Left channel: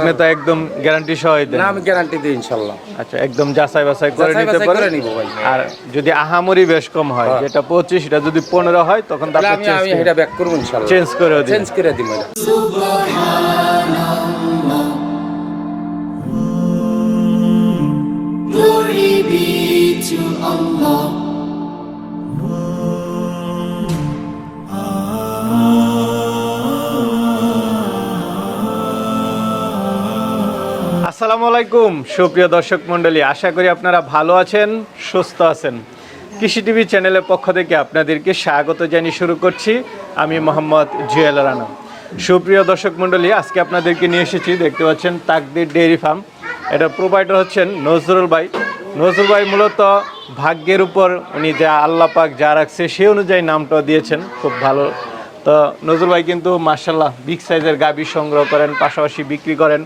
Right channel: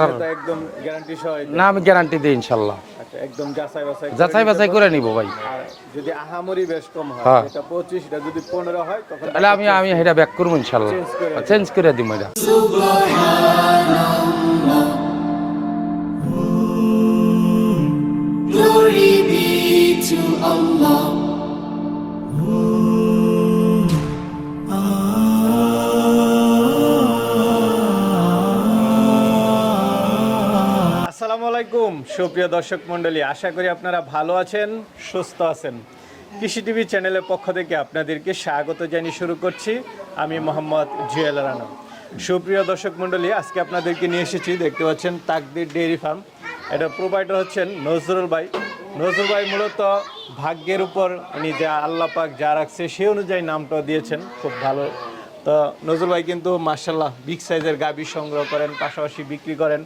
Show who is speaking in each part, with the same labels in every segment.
Speaker 1: আপনি তো একদম গ্যারান্টি সহ দেন
Speaker 2: না আমি গ্যারান্টি দিই ইনশাল্লাহ।
Speaker 1: আচ্ছা একদম যাচাই বাছাই করে
Speaker 2: যাচাই
Speaker 1: নিতে
Speaker 2: বাছাই করে নিব ভাই।
Speaker 1: আর যদি আহামরি বেশ কম হয়
Speaker 2: হ্যাঁ।
Speaker 1: যেটা পঁচিশ এটা যদি পনেরো হয় তখন
Speaker 2: তাহলে আমি আমি এটা ব্যাক করব ইনশাল্লাহ।
Speaker 1: চেঞ্জ করে দিবেন।
Speaker 2: চেঞ্জ করে
Speaker 3: Glory be to Allah.
Speaker 1: আসসালামু আলাইকুম, সুপ্রিয় দর্শক মণ্ডলী, আশা করি আপনারা ভালো আছেন, সুস্থ আছেন। কৃষি টিভি চ্যানেলের পক্ষ থেকে আপনাদেরকে স্বাগত জানিয়ে শুরু করছি। আমি মোহাম্মদ জুয়েল রানা। সুপ্রিয় দর্শক মণ্ডলী, আজকে আপনাদেরকে নিয়ে এসেছি, দেখতে পাচ্ছেন তাকদির ডেইরি ফার্ম। এটা প্রোভাইডার হচ্ছেন নজরুল ভাই। নজরুল ভাই মূলত ভাগ্যের উপর উনি যা আল্লাহ পাক যা রাখছে সেই অনুযায়ী নামটা দিয়েছেন, খুব ভালো। তো নজরুল ভাই কিন্তু মার্শাল্লাহ বিগ সাইজের গাবি সংগ্রহ করেন, পাশাপাশি বিক্রি করেন।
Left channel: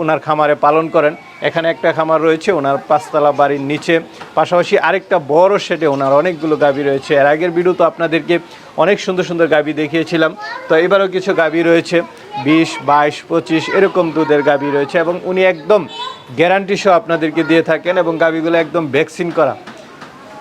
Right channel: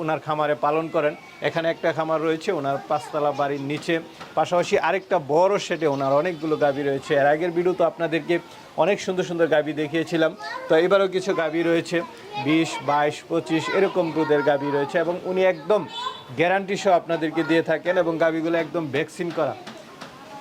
Speaker 1: ওনার খামারে পালন করেন। এখানে একটা খামার রয়েছে ওনার পাঁচতলা বাড়ির নিচে। পাশাপাশি আরেকটা বড় শেডে ওনার অনেকগুলো গাবি রয়েছে। এর আগের ভিডিও তো আপনাদেরকে অনেক সুন্দর সুন্দর গাবি দেখিয়েছিলাম। তো এবারও কিছু গাবি রয়েছে, বিশ, বাইশ, পঁচিশ, এরকম দুধের গাবি রয়েছে এবং উনি একদম গ্যারান্টি সহ আপনাদেরকে দিয়ে থাকেন এবং গাবিগুলো একদম ভ্যাকসিন করা।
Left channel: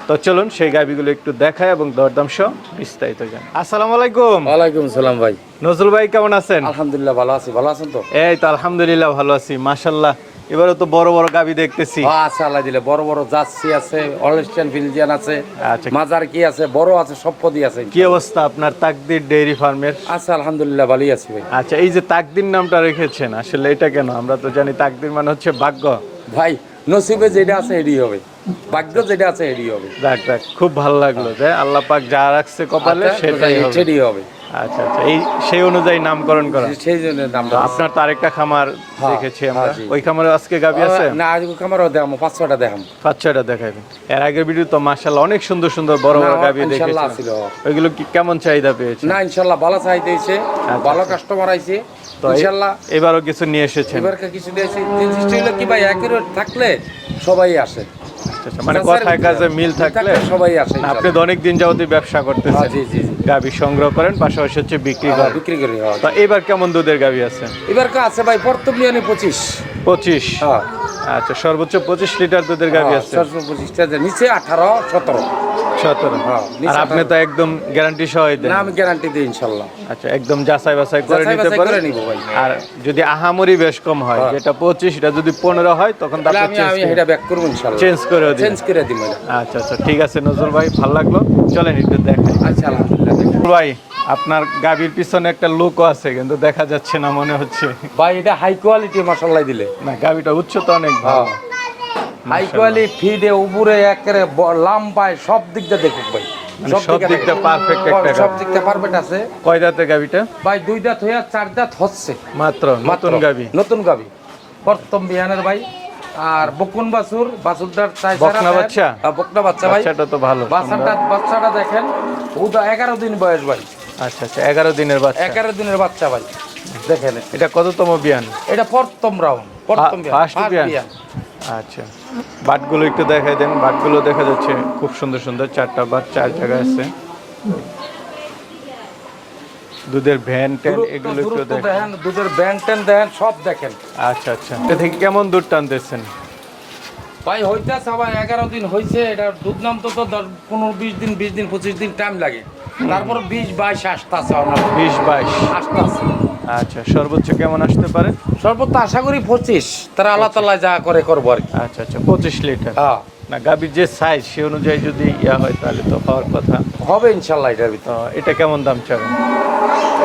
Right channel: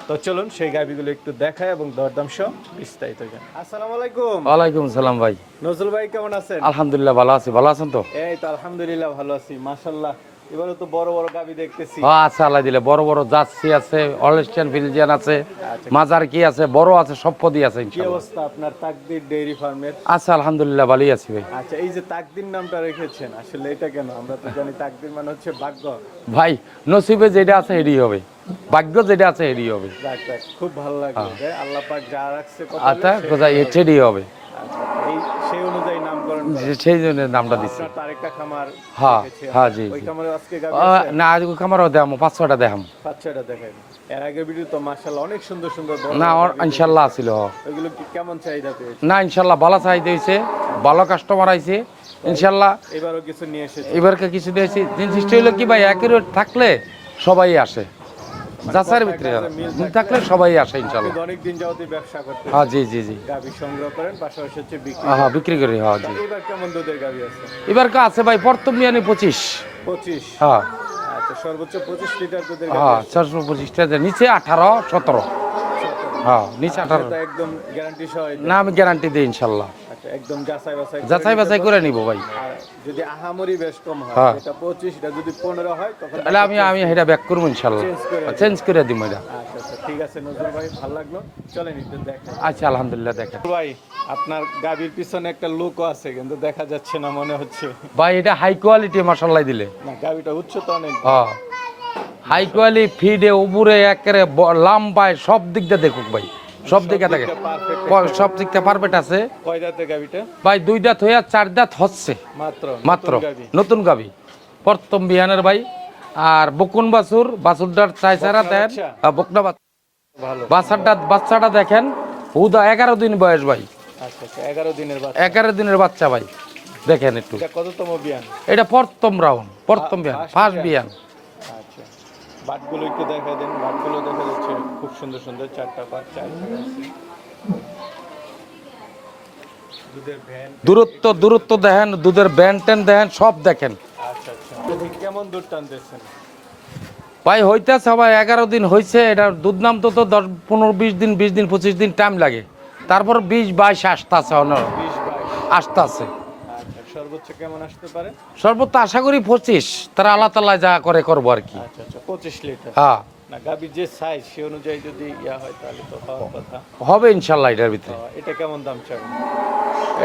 Speaker 1: তো চলুন সেই গাবিগুলো একটু দেখায় এবং দরদাম সহ বিস্তারিত জান আসসালামু আলাইকুম।
Speaker 2: ওয়ালাইকুম সালাম ভাই।
Speaker 1: নজরুল ভাই কেমন আছেন?
Speaker 2: আলহামদুলিল্লাহ ভালো আছি ভালো আছেন তো?
Speaker 1: এই তো আলহামদুলিল্লাহ ভালো আছি মাশাল্লাহ এবারে তো বড় বড় গাবি দেখতেছি।
Speaker 2: আচ্ছা আল্লাহ দিলে বড় বড় জার্সি আছে অনস্টেন ফিলজিয়ান আছে
Speaker 1: আচ্ছা।
Speaker 2: মাজার কি আছে বড় আছে সব পদি আছে
Speaker 1: কি অবস্থা আপনার তাকদির ডেইরি ফার্মের?
Speaker 2: আচ্ছা আলহামদুলিল্লাহ ভালোই আছি ভাই।
Speaker 1: আচ্ছা এই যে তাকদির নামটা রেখেছেন আসলে এটা কেন? আমরা তো জানি তাকদির মানে হচ্ছে ভাগ্য।
Speaker 2: ভাই নসিবে যেটা আছে এরই হবে। ভাগ্য যেটা আছে এরই হবে।
Speaker 1: দেখ দেখ খুব ভালো লাগল যে আল্লাহ পাক যা রাখছে কপালে
Speaker 2: আচ্ছা,
Speaker 1: সেটাই হবে। আচ্ছা আচ্ছা। এই সেই অনুযায়ী নামকরণ করা।
Speaker 2: সেই জন্য নামটা
Speaker 1: আপনার তো আরেকটা খামার
Speaker 2: হ্যাঁ,
Speaker 1: দেখেছি
Speaker 2: হ্যাঁ,
Speaker 1: আমরা ওই খামারে আজকে গাবি আছে?
Speaker 2: না আজ খামারও দেখামো পাঁচ ছটা দেখাম
Speaker 1: পাঁচ ছয়টা দেখাবেন এর আগের ভিডিও তো মাশাআল্লাহ অনেক সুন্দর সুন্দর বড় বড় গাবি
Speaker 2: ইনশাল্লাহ
Speaker 1: দেখেছি।
Speaker 2: ছিল।
Speaker 1: ওইগুলো কি কেমন চাহিদা পেয়েছে?
Speaker 2: না ইনশাল্লাহ ভালো চাইতে হয়েছে ভালো কাস্টমার আইছে।
Speaker 1: তো এই- এবারও কিছু নিয়ে এসেছে
Speaker 2: এবারকে কিছু দিয়েছি। তিন সৃষ্টি হলো কি ভাই একই থাকলে সবাই আসে।
Speaker 1: মানে কথায় কাজে মিল থাকলে
Speaker 2: সবাই আসে
Speaker 1: আপনি তো অনেক দিন যাবতই ব্যবসা
Speaker 2: হ্যাঁ,
Speaker 1: করতেছেন
Speaker 2: জি জি জি।
Speaker 1: গাবি সংগ্রহ করেন পাশাপাশি হচ্ছে বিক্রি
Speaker 2: হ্যাঁ, বিক্রি করে হ্যাঁ।
Speaker 1: এবার কেমন দুধের গাবি আছে?
Speaker 2: এবার কা আছে ভাই হ্যাঁ।
Speaker 1: আচ্ছা সর্বোচ্চ পঁচিশ লিটার দুধের গাবি আছে।
Speaker 2: নিচে আঠারো সতেরো।
Speaker 1: সতেরো
Speaker 2: হ্যাঁ,
Speaker 1: আর আপনি তো একদম গ্যারান্টি সহ দেন।
Speaker 2: না আমি গ্যারান্টি দিই ইনশাল্লাহ।
Speaker 1: আচ্ছা একদম যাচাই বাছাই করে
Speaker 2: যাচাই
Speaker 1: নিতে
Speaker 2: বাছাই করে নিব ভাই।
Speaker 1: আর যদি আহামরি বেশ কম হয়
Speaker 2: হ্যাঁ।
Speaker 1: যেটা পঁচিশ এটা যদি পনেরো হয় তখন
Speaker 2: তাহলে আমি আমি এটা ব্যাক করব ইনশাল্লাহ।
Speaker 1: চেঞ্জ করে।
Speaker 2: চেঞ্জ করে দিব
Speaker 1: আচ্ছা আচ্ছা ঠিক আছে নজরুল ভাই ভালো লাগল। চলেন একটু দেখাই।
Speaker 2: আচ্ছা আলহামদুলিল্লাহ দেখুন।
Speaker 1: ভাই আপনার গাবির পিছনে একটা লুকও আছে কিন্তু দেখা যাচ্ছে না মনে হচ্ছে।
Speaker 2: ভাই এটা হাই কোয়ালিটি মশালাই দিলে।
Speaker 1: না গাবিটা উচ্চ তো অনেক
Speaker 2: হ্যাঁ। হাই ফিডে উপরে একেবারে লাম্বায় সব দিক দিয়ে দেখুক ভাই।
Speaker 1: মানে
Speaker 2: সব
Speaker 1: সব
Speaker 2: দিকটা
Speaker 1: দিকটা
Speaker 2: দেখুক।
Speaker 1: perfect
Speaker 2: ও,
Speaker 1: একটা
Speaker 2: সব দিকটা পারফেক্ট আছে।
Speaker 1: কয় দাঁতের গাবিটা?
Speaker 2: ভাই দুই দাঁত হইয়া চার দাঁত হচ্ছে।
Speaker 1: মাত্র নতুন গাবি।
Speaker 2: নতুন গাবি। প্রথম বিহানের ভাই। আর বকুন
Speaker 1: বাচ্চা?
Speaker 2: বাচ্চা ভাই।
Speaker 1: বাচ্চাটা তো ভালো
Speaker 2: বাচ্চাটা বাচ্চাটা দেখেন। উদা এগারো দিন বয়স ভাই।
Speaker 1: আচ্ছা আচ্ছা এগারো দিনের বাচ্চা।
Speaker 2: এগারো দিনের বাচ্চা ভাই। দেখেন।
Speaker 1: এটা কততম বিয়ান
Speaker 2: এটা প্রথম রাউন্ড প্রথম
Speaker 1: ফা-
Speaker 2: ফার্স্ট
Speaker 1: বিয়ান? আচ্ছা। বাটগুলো একটু দেখাই দেন। বাটগুলো দেখা যাচ্ছে খুব সুন্দর সুন্দর চারটা বাট চার জায়গায় আছে। দুধের ভ্যান
Speaker 2: দূরত্ব দূরত্ব
Speaker 1: দেখেন।
Speaker 2: দুধের টেন দেখেন সব দেখেন।
Speaker 1: আচ্ছা আচ্ছা। এটা থেকে কেমন দুধ টানতেছেন।
Speaker 2: ভাই হইতেছে ভাই এগারো দিন হয়েছে এটা দুধ নাম তো তো দশ পনেরো বিশ দিন বিশ দিন পঁচিশ দিন টাইম লাগে। তারপর বিশ বাইশ আসতেছে
Speaker 1: বিশ বাইশ।
Speaker 2: আসতেছে।
Speaker 1: আচ্ছা সর্বোচ্চ কেমন আসতে পারে?
Speaker 2: সর্বোচ্চ আশা করি পঁচিশ। তারা আল্লাহ তাল্লাহ যা করে করব আর কি।
Speaker 1: আচ্ছা আচ্ছা পঁচিশ লিটার।
Speaker 2: হ্যাঁ।
Speaker 1: না গাভীর যে সাইজ সে অনুযায়ী যদি ইয়া হয় তাহলে তো হওয়ার কথা।
Speaker 2: হবে ইনশাল্লাহ এটার ভিতরে।
Speaker 1: তো এটা কেমন দাম চাবেন?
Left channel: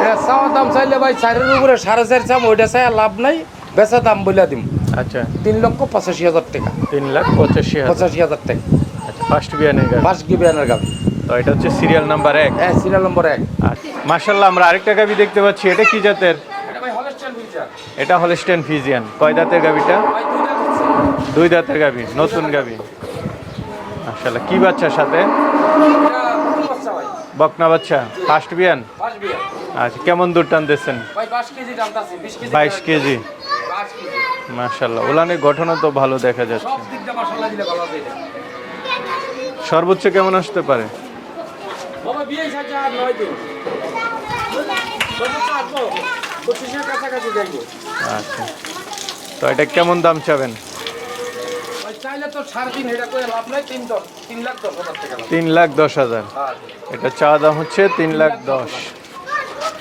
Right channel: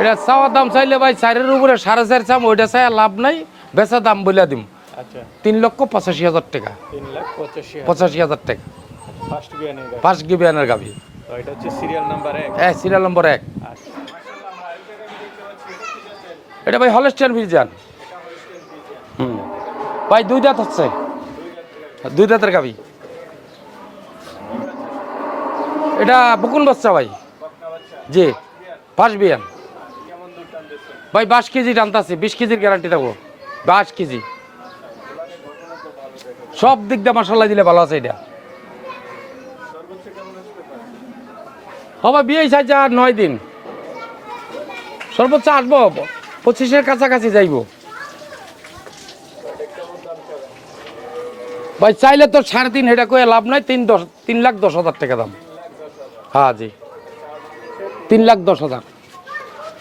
Speaker 2: এটা চাওয়ার দাম চাইলে ভাই চারের উপরে সাড়ে চার চাম ওইটা চাই লাভ নাই। বেচা দাম বলে দিম।
Speaker 1: আচ্ছা।
Speaker 2: তিন লক্ষ পঁচাশি হাজার টাকা।
Speaker 1: তিন লাখ পঁচাশি
Speaker 2: পঁচাশি হাজার টাকা।
Speaker 1: আচ্ছা ফার্স্ট বিয়ানের
Speaker 2: ফার্স্ট গিবিয়ানের গাবি
Speaker 1: তো এটা হচ্ছে সিরিয়াল নাম্বার এক।
Speaker 2: হ্যাঁ সিরিয়াল নম্বর এক।
Speaker 1: মার্শাল্লাহ আমরা আরেকটা গাভী দেখতে পাচ্ছি। এটা কি জাতের?
Speaker 2: এটা ভাই হলেস্টিয়ান ভিলজান
Speaker 1: এটা হলস্টেন ফিজিয়ান কয় দাঁতের গাভীটা
Speaker 2: ভাই দুই দাঁত হচ্ছে
Speaker 1: দুই দাঁতের গাভী
Speaker 2: দুই দাঁতের গাভী
Speaker 1: মার্শাল্লাহ কি বাচ্চার সাথে?
Speaker 2: এটা বুকুন বাচ্চা ভাই।
Speaker 1: বকনা বাচ্চা?
Speaker 2: জি।
Speaker 1: ফার্স্ট বিয়ান
Speaker 2: ফার্স্ট বিয়ান
Speaker 1: আচ্ছা কেমন দুধ টানতেছেন?
Speaker 2: ভাই বাইশ কেজি টানতাছে বিশ কেজি
Speaker 1: 22
Speaker 2: গ্যারান্টি
Speaker 1: কেজি।
Speaker 2: বাইশ কেজি।
Speaker 1: মার্শাল্লাহ ওলানের গঠনও তো ভালো দেখা যায়
Speaker 2: সব দিক দিয়ে মশলা দিলে ভালো আছে এটা।
Speaker 1: সর্বোচ্চ কেমন আসতে পারে?
Speaker 2: হবে বিয়ে সাজা আর নয় দিন। সর্বোচ্চ আটবো পঁচিশের কাছাকাছি যাইবো।
Speaker 1: আচ্ছা। তো এটা কেমন দাম চাবেন?
Speaker 2: ভাই চাইলে তো সাড়ে তিন এটা করে লাভ নাই তিন দশ তিন লাখ দশ হাজার টাকা দাম।
Speaker 1: তিন লাখ দশ হাজার।
Speaker 2: হ্যাঁ জি।
Speaker 1: এটা চা দাম হচ্ছে তিন
Speaker 2: লাখ দশ হাজার।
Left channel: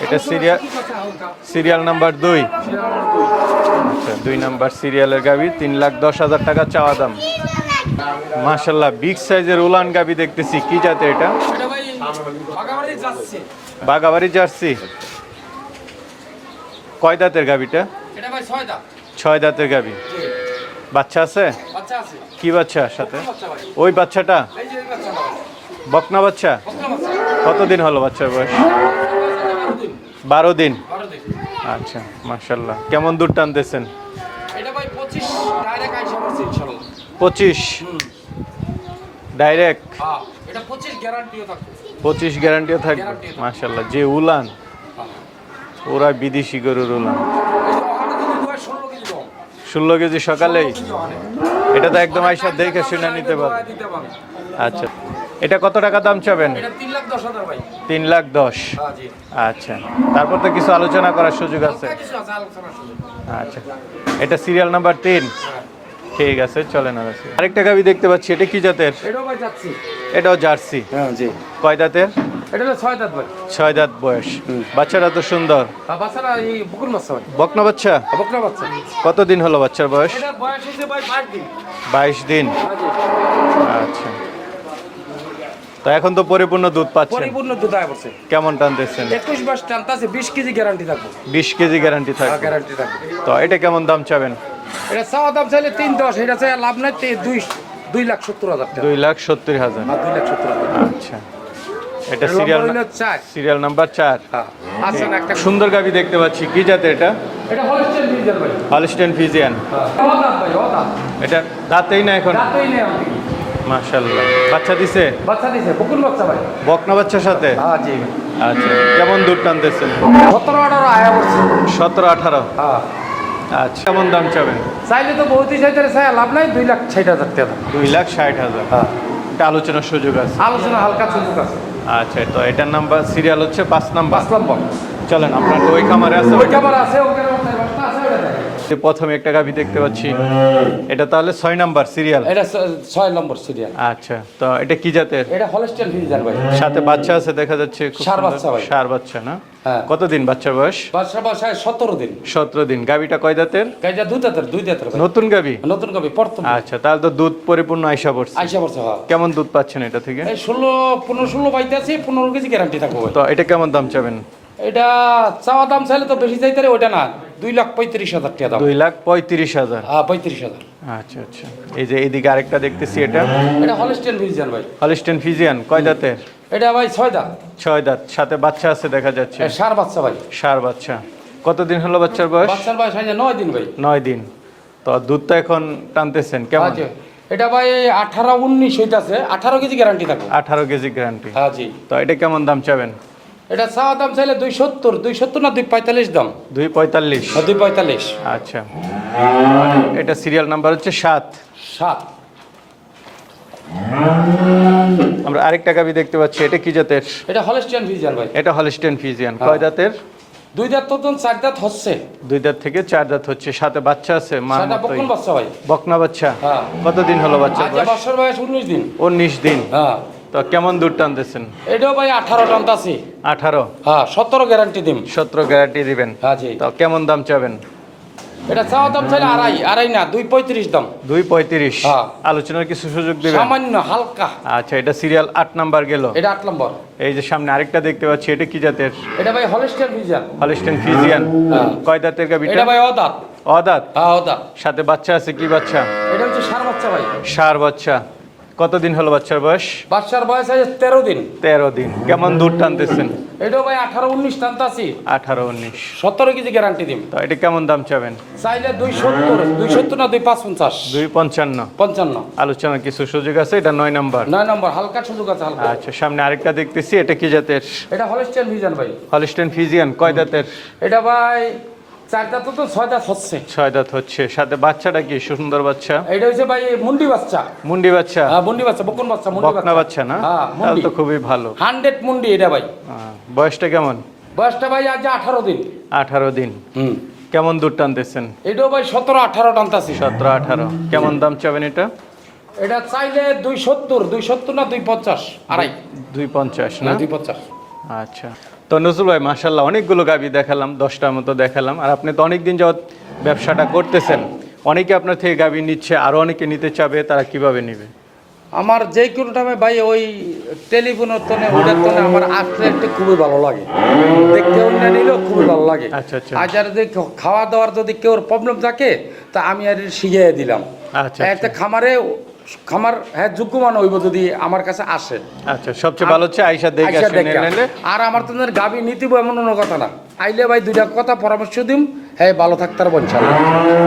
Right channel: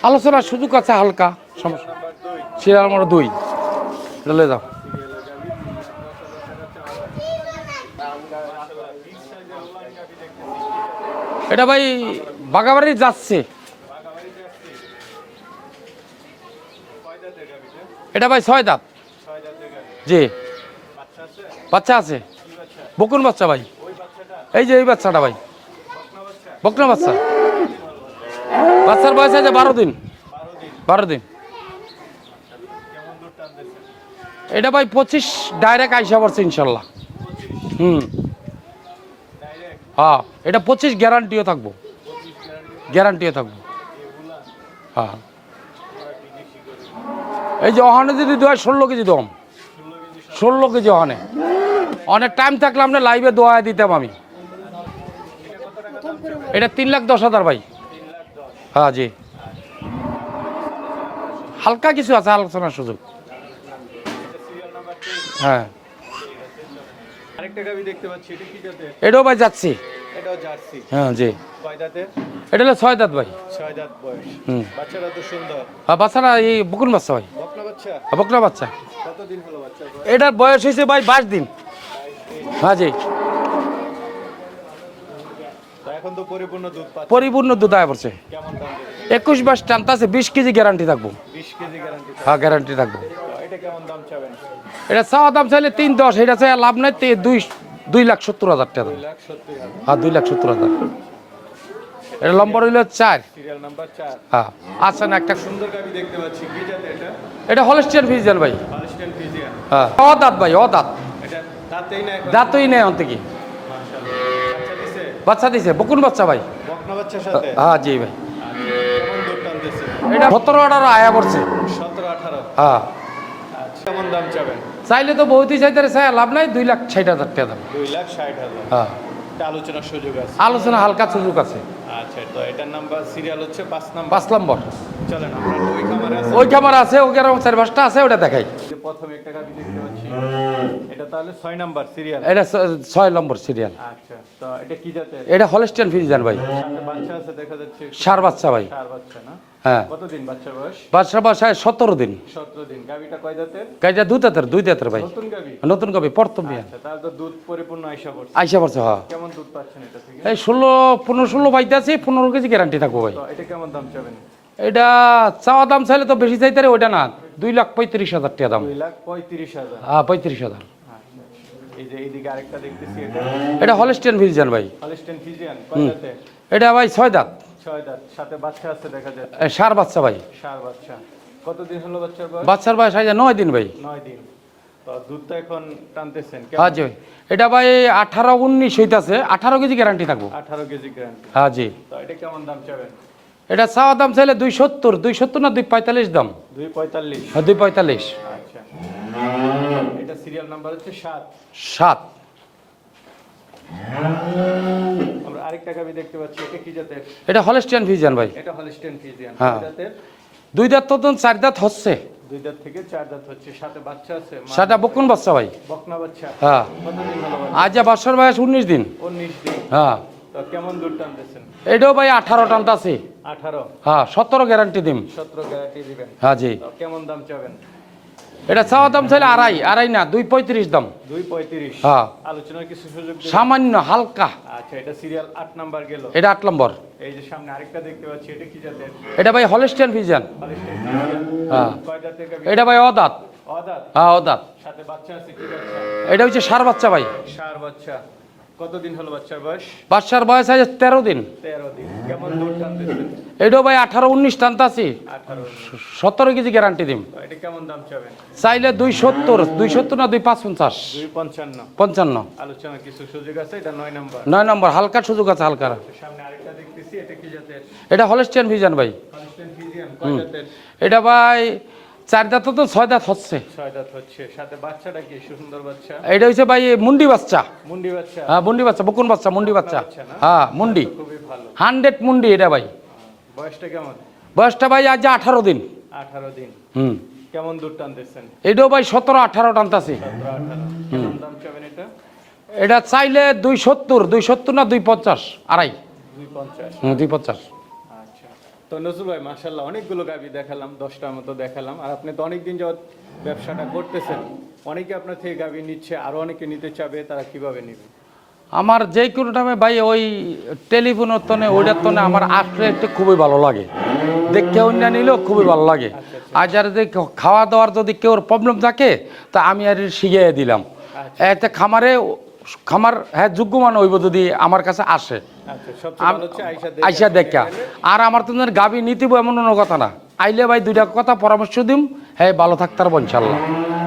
Speaker 2: আলোচনা সুযোগ আছে হালকা।
Speaker 1: সিরিয়াল নাম্বার দুই।
Speaker 2: সিরিয়াল আমার দুই।
Speaker 1: আচ্ছা, দুই নাম্বার সিরিয়ালের গাবি তিন লাখ দশ হাজার টাকা চাওয়া দাম। মাশাল্লাহ বিগ সাইজের উলান গাবি দেখতেছি কি জাতের এটা?
Speaker 2: এটা ভাই বাগাবাড়ি যাচ্ছে
Speaker 1: বাগাবাড়ি জার্সি। কয় দাঁতের গাবিটা?
Speaker 2: এটা ভাই ছয় দাঁত।
Speaker 1: ছয় দাঁতের গাবি।
Speaker 2: জি।
Speaker 1: বাচ্চা আছে?
Speaker 2: বাচ্চা আছে।
Speaker 1: কি বাচ্চা?
Speaker 2: বকুন বাচ্চা ভাই।
Speaker 1: ওই বাচ্চাটা?
Speaker 2: এই যে এই বাচ্চাটা ভাই।
Speaker 1: বকনা বাচ্চা?
Speaker 2: বকনা বাচ্চা।
Speaker 1: কতদিন হলো বাচ্চার বয়স?
Speaker 2: বাচ্চার বয়স আছে বারো দিন।
Speaker 1: বারো দিন?
Speaker 2: বারো দিন।
Speaker 1: আচ্ছা মাশাল্লাহ কেমন দূর টানতেছেন?
Speaker 2: এটা ভাই পঁচিশ ডাইরেক্ট আইসা পড়ছে ইনশাল্লাহ
Speaker 1: পঁচিশ।
Speaker 2: হুম।
Speaker 1: ডাইরেক্ট
Speaker 2: হ্যাঁ এটা পঁচিশ গ্যারান্টিও থাকব।
Speaker 1: পঁচিশ গ্যারান্টিও থাকে
Speaker 2: Guarantee ও থাকে।
Speaker 1: মাশাল্লাহ যে উলান।
Speaker 2: হ্যাঁ।
Speaker 1: ওরা বিদেশি গরুর উলান।
Speaker 2: এই যে ওখানে যদি দেয় ষোলো কেজি দম।
Speaker 1: ষোলো কেজি সকালে
Speaker 2: ষোলো কেজি ওখানে।
Speaker 1: এটা তো একদম
Speaker 2: অনেক টাইম থাকলে আমরা লাইভে দোয়া দিতাম আমি।
Speaker 1: আচ্ছা এটা কত টাকা দাম চাবেন?
Speaker 2: এটা তিন লাখ দশ হাজার ভাই।
Speaker 1: তিন লাখ দশ।
Speaker 2: হ্যাঁ জি।
Speaker 1: আচ্ছা তারপর তো কিছু আলোচনা করার সুযোগ আছে?
Speaker 2: হালকা কিছু আছে আলোচনার সুযোগ।
Speaker 1: আচ্ছা এটা সিরিয়াল নাম্বার তিন।
Speaker 2: হ্যাঁ।
Speaker 1: ঠিক আছে চলেন আর আছে। আরেকটা গাবি দেখতে পাচ্ছি এটা কি জাতের?
Speaker 2: এটাও ভাই যাচ্ছি
Speaker 1: এটাও জার্সি।
Speaker 2: হ্যাঁ জি।
Speaker 1: কয় দাঁতের?
Speaker 2: এটা হলো ছয় দাঁত ভাই।
Speaker 1: ছয় দাঁত বয়স। বাচ্চাটা তো সুন্দর।
Speaker 2: আর বাচ্চারা এই বুকুন বাচ্চা ভাই
Speaker 1: বকনা বাচ্চা?
Speaker 2: বকরা বাচ্চা।
Speaker 1: কতদিন হলো বাচ্চার বয়স?
Speaker 2: এটার বয়স হয়েছে ভাই বাইশ দিন।
Speaker 1: বাইশ দিন।
Speaker 2: হ্যাঁ জি।
Speaker 1: আচ্ছা। তো এখন তো পরিপূর্ণ দুধ পাচ্ছে
Speaker 2: পরিপূর্ণ দুধ আয় পড়ছে।
Speaker 1: কেমন টানতেছেন?
Speaker 2: একুশ মাস টানতাছে বিশ কেজি গ্যারান্টি থাকব।
Speaker 1: বিশ কেজি গ্যারান্টি
Speaker 2: হ্যাঁ গ্যারান্টি থাকবে।
Speaker 1: তো এটা কেমন দাম চাবেন?
Speaker 2: এটা চাওয়া দাম চাইলে তিন দশ এটা চাই লাভ নাই দুই দুই লাখ সত্তর হাজার টাকা।
Speaker 1: দুই লাখ সত্তর হাজার।
Speaker 2: হ্যাঁ দুই লাখ সত্তর হাজার
Speaker 1: আচ্ছা। এটা
Speaker 2: এটা নম্বর
Speaker 1: সিরিয়াল
Speaker 2: চার।
Speaker 1: সিরিয়াল নাম্বার চার।
Speaker 2: হ্যাঁ। আচ্ছা না একটা
Speaker 1: সুন্দর গাবি দেখতে পাচ্ছি। কি জাতের এটা?
Speaker 2: এটা হলস্টিয়ান ফিজিয়ান ভাই।
Speaker 1: Holstein Friesian.
Speaker 2: হ্যাঁ। অদাত ভাই অদাত।
Speaker 1: এটা দাঁতেই না এখন?
Speaker 2: দাঁতই নেই অন্ত কি
Speaker 1: মাশাল্লাহ বাচ্চা দিছে?
Speaker 2: বাচ্চা দিছে বকুন বাচ্চা ভাই।
Speaker 1: বকনা বাচ্চার সাথে?
Speaker 2: হ্যাঁ জি।
Speaker 1: আচ্ছা। কেমন দুধ টানতেছে?
Speaker 2: সতেরো আঠারো আয়া করছে
Speaker 1: সতেরো আঠারো।
Speaker 2: হ্যাঁ।
Speaker 1: আচ্ছা। কেমন দাম চাবেন?
Speaker 2: চাইলে তো বহুতই চাইতে চাই লাভ নাই দুই লাখ ষাট হাজার টাকা
Speaker 1: দুই লাখ ষাট হাজার।
Speaker 2: হ্যাঁ।
Speaker 1: এটা আলোচনার সুযোগ আছে।
Speaker 2: আলোচনা হালকা সুযোগ আছে।
Speaker 1: আচ্ছা তো এটার নাম্বার সিরিয়াল হচ্ছে পাঁচ নাম্বার।
Speaker 2: পাঁচ নম্বর।
Speaker 1: চলেন আপনার ওই খামারে আছে।
Speaker 2: ওই খাবার আছে ওই গ্রাম চার পাঁচটা আছে ওটা দেখাই।
Speaker 1: প্রথমে একটা গাভি দেখতে পাচ্ছি। এটা তাহলে ছয় নাম্বার সিরিয়াল
Speaker 2: এটা ছয় নম্বর সিরিয়াল
Speaker 1: আচ্ছা তো এটা কি জাতের?
Speaker 2: এটা হলস্টিয়ান ফিজিয়ান ভাই।
Speaker 1: সাথে বাচ্চা আছে দেখা যাচ্ছে সুন্দর।
Speaker 2: বাচ্চা ভাই।
Speaker 1: ষাঁড় বাচ্চা না?
Speaker 2: হ্যাঁ।
Speaker 1: কতদিন বাচ্চার বয়স?
Speaker 2: বাচ্চা বাসায় সতেরো দিন।
Speaker 1: সতেরো দিন। গাভিটা কয় দাঁতের
Speaker 2: গাইটা দুই দাঁতের দুই দাঁতের ভাই।
Speaker 1: নতুন গাভি?
Speaker 2: নতুন কবি প্রথম।
Speaker 1: আচ্ছা তাহলে তো দুধ পরিপূর্ণ আইসা পড়ছে।
Speaker 2: আইসা পড়ছে হ্যাঁ।
Speaker 1: কেমন দুধ পাচ্ছেন এটা থেকে?
Speaker 2: এই ষোলো পনেরো ষোলো বাইতে আছে পনেরো কেজি গ্যারান্টি থাকব
Speaker 1: তো এটা কেমন দাম চাবেন?
Speaker 2: এটা চাওয়া দাম চাইলে তো বেশি চাইতে ওটা না। দুই লাখ পঁয়ত্রিশ হাজার টাকা দাম।
Speaker 1: দুই লাখ পঁয়ত্রিশ হাজার।
Speaker 2: হ্যাঁ পঁয়ত্রিশ হাজার।
Speaker 1: আচ্ছা আচ্ছা। এই যে এইদিকে আরেকটা দেখতেছি এটা।
Speaker 2: এটা হলস্টিয়ান ফিজিয়ান ভাই।
Speaker 1: হলিস্টেন ফিজিয়ান কয় দাঁতের?
Speaker 2: এটা ভাই ছয় দাঁত।
Speaker 1: ছয় দাঁত সাথে বাচ্চা আছে দেখা যাচ্ছে।
Speaker 2: এ, ষাঁড় বাচ্চা ভাই।
Speaker 1: ষাঁড় বাচ্চা। কতদিন হলো বাচ্চার বয়স?
Speaker 2: বাচ্চার বয়স আছে নয় দিন ভাই।
Speaker 1: নয় দিন। তো দুধটা এখন টানতেছেন কেমন?
Speaker 2: আচ্ছা। এটা ভাই আঠারো উনিশ হইতাছে আঠারো কেজি গ্যারান্টি থাকব।
Speaker 1: আঠারো কেজি গ্যারান্টি
Speaker 2: হ্যাঁ জি।
Speaker 1: তো এটা কেমন দাম চাবেন?
Speaker 2: এটা চাওয়া দাম চাইলে দুই সত্তর দুই সত্তর না দুই পঁয়তাল্লিশ দাম?
Speaker 1: দুই পঁয়তাল্লিশ।
Speaker 2: দুই পঁয়তাল্লিশ।
Speaker 1: আচ্ছা। এটা সিরিয়াল নাম্বার হচ্ছে সাত।
Speaker 2: সাত।
Speaker 1: আমরা আরেকটা গাবি দেখতে পাচ্ছি এটা কি জাতের?
Speaker 2: এটা হলস্টিয়ান ফিজিয়ান ভাই।
Speaker 1: এটা হলিস্টেন ফিজিয়ান। কয় দাঁতের?
Speaker 2: দুই দাঁত তো চার দাঁত হচ্ছে।
Speaker 1: দুই দাঁত থেকে চার দাঁত হচ্ছে সাথে বাচ্চা আছে
Speaker 2: সেটা বকুন বাচ্চা ভাই।
Speaker 1: বকনা বাচ্চা।
Speaker 2: হ্যাঁ।
Speaker 1: কতদিন হলো বাচ্চা
Speaker 2: আজ বাচ্চার বয়স উনিশ দিন।
Speaker 1: উনিশ দিন।
Speaker 2: হ্যাঁ।
Speaker 1: তো কেমন দুধ টানতেছেন?
Speaker 2: এটাও ভাই আঠারো টান আছে
Speaker 1: আঠারো?
Speaker 2: হ্যাঁ সতেরো গ্যারান্টি দিন
Speaker 1: সতেরো গ্যারান্টি দিবেন?
Speaker 2: হ্যাঁ জি।
Speaker 1: তো কেমন দাম চাবেন?
Speaker 2: এটা চাওয়া দাম চাইলে আড়াই আড়াই না দুই পঁয়ত্রিশ দাম।
Speaker 1: দুই পঁয়ত্রিশ?
Speaker 2: হ্যাঁ।
Speaker 1: আলোচনার কিছু সুযোগ দেবেন?
Speaker 2: সামান্য হালকা।
Speaker 1: আচ্ছা এটা সিরিয়াল আট নাম্বার গেল।
Speaker 2: এটা আট নম্বর
Speaker 1: এই যে সামনে আরেকটা দেখতে পাচ্ছি এটা কি জাতের?
Speaker 2: এটা ভাই হলস্টিয়ান ফিজিয়ান
Speaker 1: হলিস্টেন ফিজিয়ান। কয় দাঁতের গাবি
Speaker 2: এটা ভাই অদাত।
Speaker 1: অদাঁত?
Speaker 2: হ্যাঁ অদাত।
Speaker 1: সাথে বাচ্চা আছে কি বাচ্চা?
Speaker 2: এটা হচ্ছে সার বাচ্চা ভাই।
Speaker 1: সার বাচ্চা। কতদিন হলো বাচ্চার বয়স?
Speaker 2: বাচ্চার বয়স আছে তেরো দিন।
Speaker 1: তেরো দিন। কেমন দুধ টানতেছেন?
Speaker 2: এটাও ভাই আঠারো উনিশ টানতাছি।
Speaker 1: আঠারো উনিশ।
Speaker 2: সতেরো কেজি গ্যারান্টি দিন
Speaker 1: তো এটা কেমন দাম চাবেন?
Speaker 2: চাইলে দুই সত্তর দুই সত্তর না দুই পাঁচ পঞ্চাশ।
Speaker 1: দুই পঞ্চান্ন।
Speaker 2: পঞ্চান্ন।
Speaker 1: আলোচনার কিছু সুযোগ আছে? এটা নয় নাম্বার।
Speaker 2: নয় নম্বর হালকা সুযোগ আছে হালকা।
Speaker 1: আচ্ছা সামনে আরেকটা দেখতেছি এটা কি জাতের?
Speaker 2: এটা হলস্টিয়ান ভিজান ভাই।
Speaker 1: হলিস্টেন ফিজিয়ান কয় জাতের?
Speaker 2: এটা ভাই চার দাঁত তো ছয় দাঁত হচ্ছে।
Speaker 1: ছয় দাঁত হচ্ছে। সাথে বাচ্চাটা কি? সুন্দর বাচ্চা?
Speaker 2: এটা হচ্ছে ভাই মুন্ডি বাচ্চা।
Speaker 1: মুন্ডি বাচ্চা?
Speaker 2: হ্যাঁ মুন্ডি বাচ্চা বকুন বাচ্চা মুন্ডি বাচ্চা।
Speaker 1: বাচ্চা না?
Speaker 2: হ্যাঁ মুন্ডি।
Speaker 1: তো খুবই ভালো।
Speaker 2: হান্ড্রেড মুন্ডি এটা ভাই।
Speaker 1: বয়সটা কেমন?
Speaker 2: বয়সটা ভাই আজ আঠারো দিন।
Speaker 1: আঠারো দিন।
Speaker 2: হুম।
Speaker 1: কেমন দুধ টানতেছেন?
Speaker 2: এটাও ভাই সতেরো আঠারো টানতাছি।
Speaker 1: সতেরো আঠারো। কেমন দাম চাবেন এটা?
Speaker 2: এটা চাইলে দুই সত্তর দুই সত্তর না দুই পঞ্চাশ আড়াই।
Speaker 1: দুই পঞ্চাশ
Speaker 2: না দুই পঞ্চাশ।
Speaker 1: আচ্ছা। তো নজরুল ভাই মাসাল্লাহ অনেকগুলো গাবি দেখালাম দশটার মতো দেখালাম। আর আপনি তো অনেকদিন যাবত ব্যবসাটা করতেছেন। অনেকে আপনার থেকে গাবি নিচ্ছে আরও অনেকে নিতে চাবে তারা কীভাবে নেবে?
Speaker 2: আমার যে কোনো টাইমে ভাই ওই টেলিফোনের তনে ওইটার তনে আমার আসলে খুবই ভালো লাগে। দেখতে অন্য নিলেও খুবই ভালো লাগে।
Speaker 1: আচ্ছা, আচ্ছা।
Speaker 2: আর যার যদি খাওয়া দাওয়ার যদি কেউ প্রবলেম থাকে তা আমি আর শিখিয়ে দিলাম।
Speaker 1: আচ্ছা,
Speaker 2: এতে খামারে খামার হ্যাঁ যোগ্য মানে হইব যদি আমার কাছে আসে।
Speaker 1: আচ্ছা সবচেয়ে ভালো হচ্ছে আইসা দেখে
Speaker 2: আইসা দেখে। আর আমার তোদের গাবি নিতে এমন অন্য কথা না। আইলে ভাই দুইটা কথা পরামর্শ দিম। হ্যাঁ ভালো থাকতে পারব ইনশাল্লাহ।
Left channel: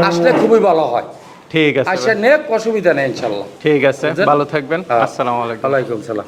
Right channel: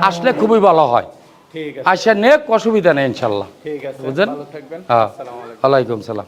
Speaker 2: আসলে খুবই ভালো হয়।
Speaker 1: ঠিক আছে
Speaker 2: আসে নে অসুবিধা নেই ইনশাল্লাহ।
Speaker 1: ঠিক আছে ভালো থাকবেন।
Speaker 2: হ্যাঁ।
Speaker 1: আসসালামু আলাইকুম।
Speaker 2: ওয়া আলাইকুম সালাম।